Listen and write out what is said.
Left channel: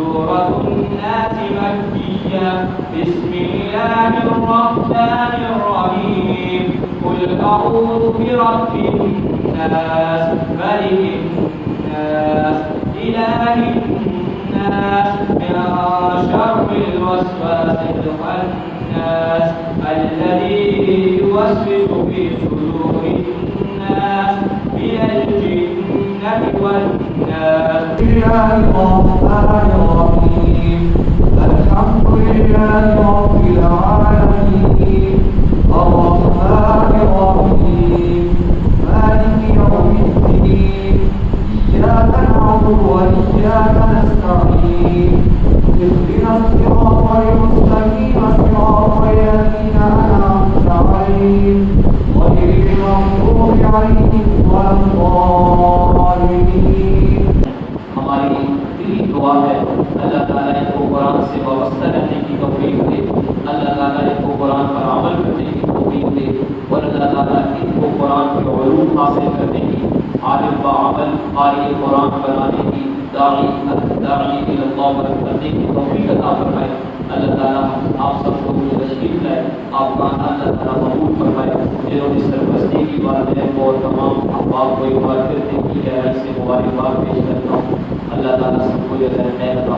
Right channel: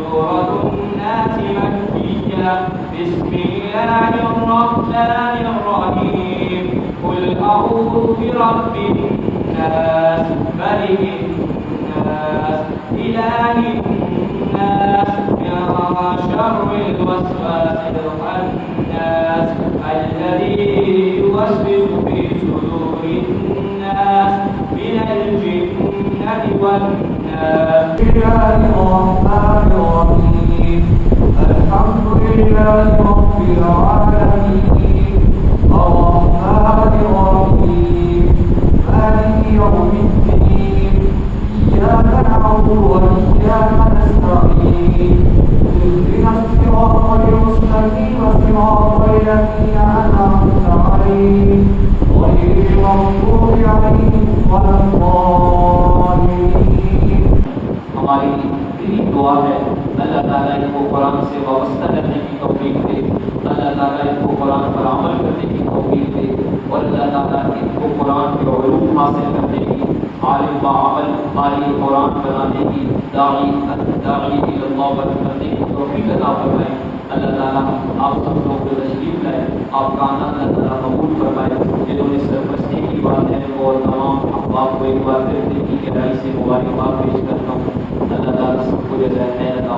سورة الناس مكية. بسم الله الرحمن الرحيم. قل أعوذ برب الناس ملك الناس إله الناس من شر الوسواس الخناس الذي يوسوس في صدور الناس من الجنة والناس. بسم الله الرحمن الرحيم. الحمد لله رب العالمين الرحمن الرحيم مالك يوم الدين إياك نعبد وإياك نستعين اهدنا الصراط المستقيم صراط الذين أنعمت عليهم غير المغضوب عليهم ولا الضالين. ہماری دلی دعا ہے اللہ تعالیٰ ان کو قرآن سے وابستہ کرنے کی توفیق دے، اللہ تعالیٰ ان کو قرآن پر عمل کرنے کی توفیق دے، اور اللہ تعالیٰ ان کو قرآن کے علوم حاصل کرنے کی، عالم بعمل قاری قرآن بنانے کی، داعی الی اللہ کرنے کی توفیق عطا فرمائے۔ اللہ تعالیٰ آپ سب کو تشریف لائے، آپ کا اللہ تعالیٰ قبول فرمائے۔ جنہوں نے سرپرستی کی بات ہے اور تمام آپ کو ایک بار پھر کی گہرائی سے مبارکباد پیش کرتا ہوں۔ اللہ تعالیٰ سب کو جزائے خیر